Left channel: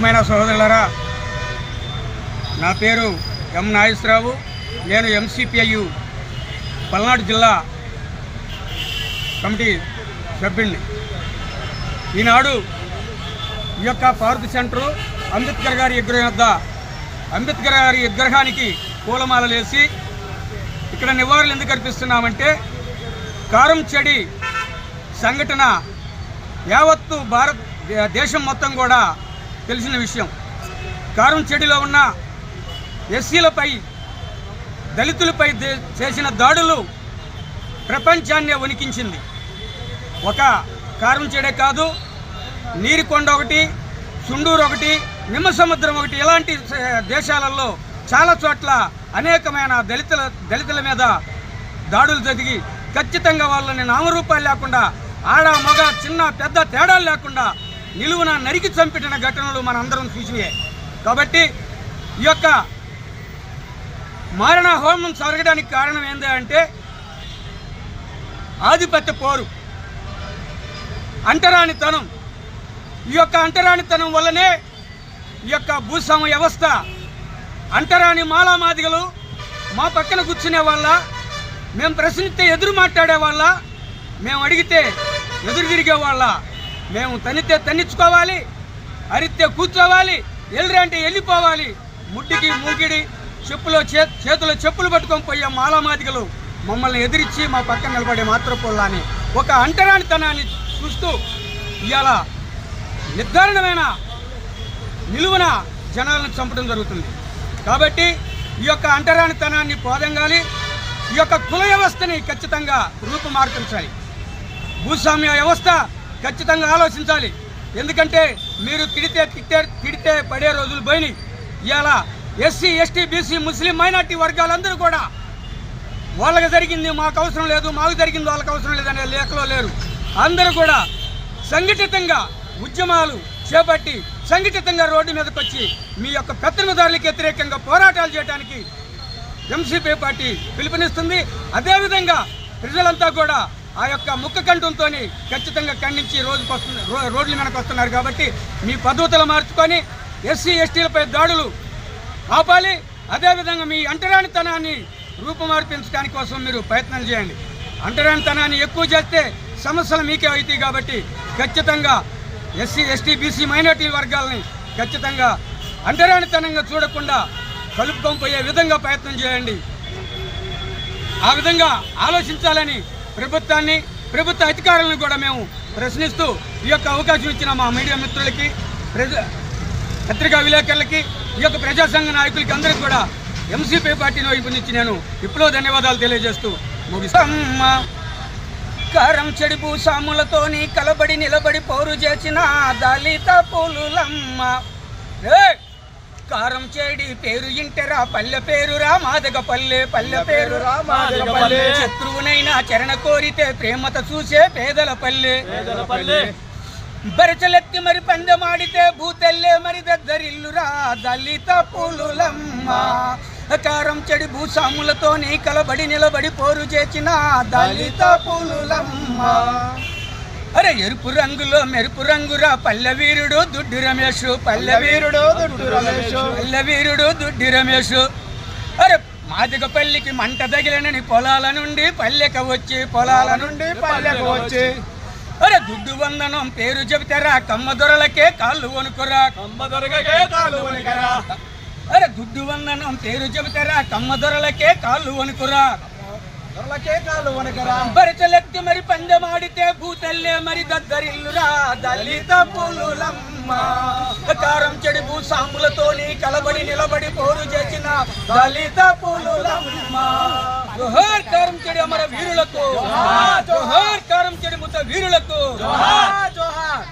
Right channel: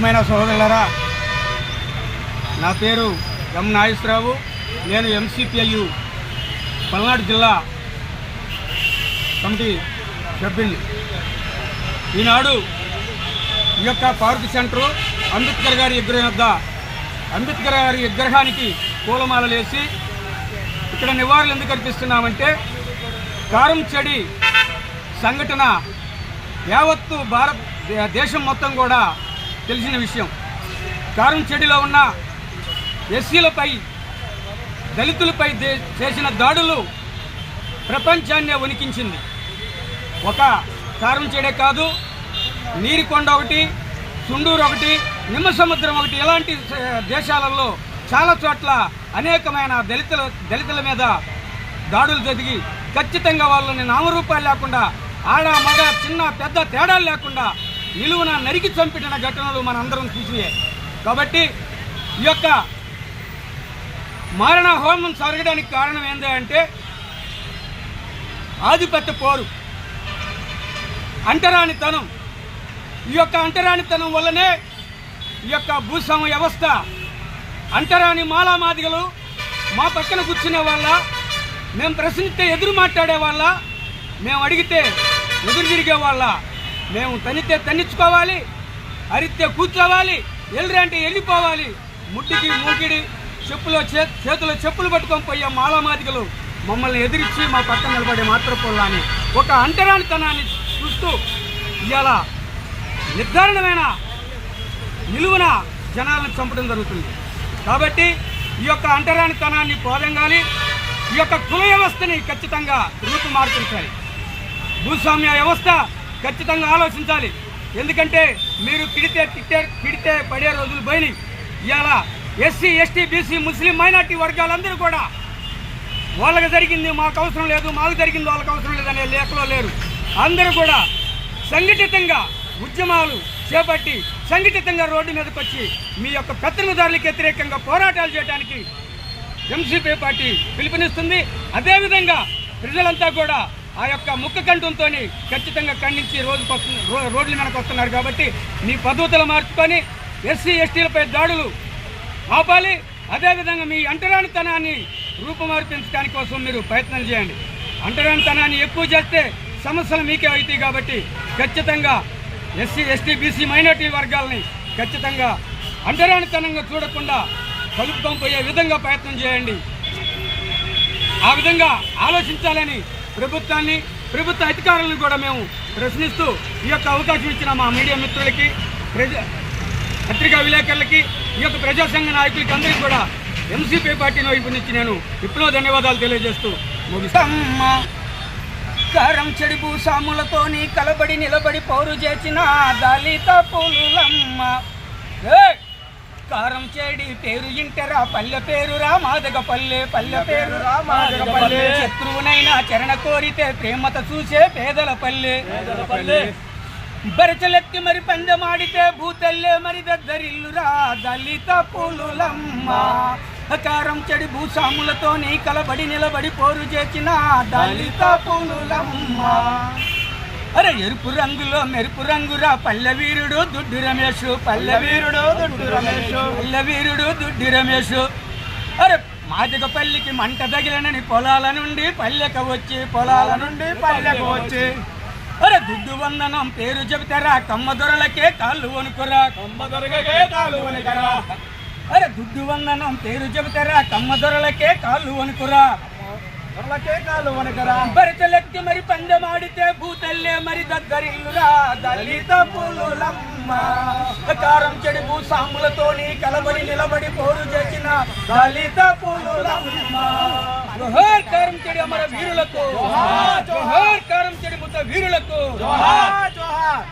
ప్రియమైన సహోదరులారా, నా పేరు ఎం నాగేశ్వరరావు. నేను ఎంసీపీఐయు పల్నాడు జిల్లా కమిటీ సభ్యుడిని. ఈనాడు ఈ యొక్క పార్క్ సెంటరు అంబేద్కర్ గారి విగ్రహం వద్ద అంబేద్కర్ గారి విగ్రహానికి పూలమాలలు వేసి ఇక్కడ నివాళులు ఎందుకు అర్పిస్తున్నామంటే, కారంచేడి సంఘటన యావత్తు దేశం మొత్తం కూడా తెలిసిన విషయం. కారంచేడిలో ఉన్న ఎస్సీలపై, దళితులపై చేసిన దాడులు ప్రపంచాన్నే వణికించింది. ఒక కారంచేడే కాదు, నీరికొండ ఒకటి, సుండూరు ఒకటి, నిమ్మసముద్రం ఒకటి, ఇలాంటి దేశాలలో చాలా చోట్ల అనేకమైన దళితుల మీద దాడులు జరిగి ఖచ్చితంగా వాళ్ళని నామరూపాలు లేకుండా, ఆడ మగ చిన్న పెద్ద తేడాలు లేకుండా నిలువున నరికి చంపిన ఘటనలు మనందరం చూసినాయి. కాబట్టి ఈ యొక్క మారణ హోమం జరగడానికి కారణం ఏంటంటే ఆధిపత్య పోరు, అంటరానితనం. ఈ యొక్క అంటరానితనం వల్లనే ఈ యొక్క భూస్వామ్య వ్యవస్థ, అంటరాని మాలామాదిగలు మా పక్కన కూర్చునే వాళ్ళ, మేము ప్రశ్నిస్తే ఎదురు మాట్లాడే వాళ్ళ, మేము అడిగితే ఎదురు తిరిగే వాళ్ళ, మేము తన్నితే తన్నించుకోవాలి, అరిస్తే కూర్చోవాలి, ఎల్లురంటే వెళ్ళిపోవాలి. ముడ్డికి మూకిడి చేతిలో చెప్పులు పట్టుకొని పోయే మాలామాదిగలు మమ్మల్ని ఎదిరించి మా పక్కన నిలబడే మాత్రపోళ్ళ అని ఒక అంటరానితనాన్ని చూస్తూ ఇవాళ నిర్ధారణమైన నిలువున జనాలను చంపడం జరుగుతుంది. కాబట్టి ఈ యొక్క అంటరానితనాన్ని పోదంగాలి, ఈ యొక్క కుల వ్యవస్థని ఖచ్చితంగా రూపుమార్పించాలి. భూస్వామ్య వ్యవస్థ ఖచ్చితంగా ఆలోచించాలి. ఎందుకంటే మీరు తిడితే పడే రోజులు పోయినాయి. ఇవాళ ఎస్సీ, ఎస్టీ, బీసీ, ముస్లిం, మైనార్టీ వర్గాలందరూ కూడా వాళ్ళకి జరిగింది మాకు అవసరం లేదు, మాకు జరిగింది వాళ్ళకి అవసరం లేదనే లేఖలో లేరు. అందరూ కూడా సంఘటితంగా ఉద్యమాలు చేపట్టి సంఘటితంగా రోడ్డు మీదకి వచ్చి మీ యొక్క పెత్తనదారులకు వ్యతిరేకంగా పోరాటాలు చేయడానికి ఎంసీపీ పార్టీ పిలుపునిస్తుంది. అదేవిధంగా ప్రజలంతా కూడా ఆ యొక్క ముక్క కంఠంతో ఖచ్చితంగా ఖండించి రోడ్ల మీదకి వస్తున్నారు. కాబట్టి మీ పద్ధతులు మార్చుకొని ఎస్సీ, ఎస్టీలపై దాడులు ఆపాలి. అదేవిధంగా మీ అంటరానితనాన్ని రూపుమార్పించడానికి కోసం మీరు ప్రయత్నాలు చేయండి. అంటరానితనాన్ని ఎక్కువ చేస్తే సమస్యలు మీకే అవుతాయి. కాబట్టి ఖచ్చితంగా ఎస్సీ, ఎస్టీ, బీసీ, మైనార్టీ వర్గాలని ఖచ్చితంగా అంటరానితనంగా చూడకుండా కలుపుకొని పోయే విధంగా ప్రయత్నం చేయండి. ఆ విధంగా ఆలోచించాలని ప్రభుత్వ అధికారులను కూడా మేము ప్రశ్నిస్తూ ఈ యొక్క అవకాశం ఇచ్చిన మా మీడియా మిత్రులకి, పత్రికా విలేకరులకి, ఈ యొక్క ప్రజాసంఘ నాయకులకి అందరికీ కూడా ఎంసీపీ పార్టీ వైపు నుంచి నేను ఇప్పుడు ధన్యవాదాలు తెలియజేస్తూ ముగిస్తాను. కారంచేడి భూస్వాములతోని కలబడి నిలబడి పౌరు చేసిన దళిత పులులమ్మ. కారంచేడి పేరు ఇంటరా, పల్లె పేరురా మాదగపల్లె, పల్లె పేరురా మాదగపల్లె. శత్రువునైనా చరణ కోరితే ప్రేమత చూసే పేదల పల్లె. బరచలెత్తి మరి పందెమాడితే భూతెల్లే మరి దగ్గరిల్లురా దళిత పులులమ్మ. కారంచేడి భూస్వాములతోని కలబడి నిలబడి పోరు చేసిన దళిత పులులమ్మ. అరే ఎరుపు రంగులో మెరుపు రంగురా పల్లె వీరుడు దుడ్డి రమేష్, పల్లె వీరుడు దుడ్డి రమేష్, పల్లె వీరుడు దుడ్డి రమేష్. అరే మాదిగపల్లికి మంట తగిలనని పొలాల నుండి పల్లెకు వచ్చి, పొలాల నుండి పల్లెకు వచ్చి, అరే దుడ్డు వందనం పేరు చెబితారా కమ్మ దొరలకే కాళ్ళు వణుకురా, కమ్మ దొరలకే కాళ్ళు వణుకురా. అరే దుడ్డు వందనం పేరు చెబితారా కమ్మ దొరలకే కాళ్ళు వణుకురా, బరితలెత్తి మరి పందెమాడితే భూతల్లే మరి దగ్గరిల్లురా దళిత పులులమ్మ. కారంచేడి భూస్వాములతోని కలబడి నిలబడి పోరు చేసిన దళిత పులులమ్మ. జోహార్ కారంచేడి అమర వీరులకు, జోహార్ కారంచేడి ముద్ద వీరులకు, జోహార్.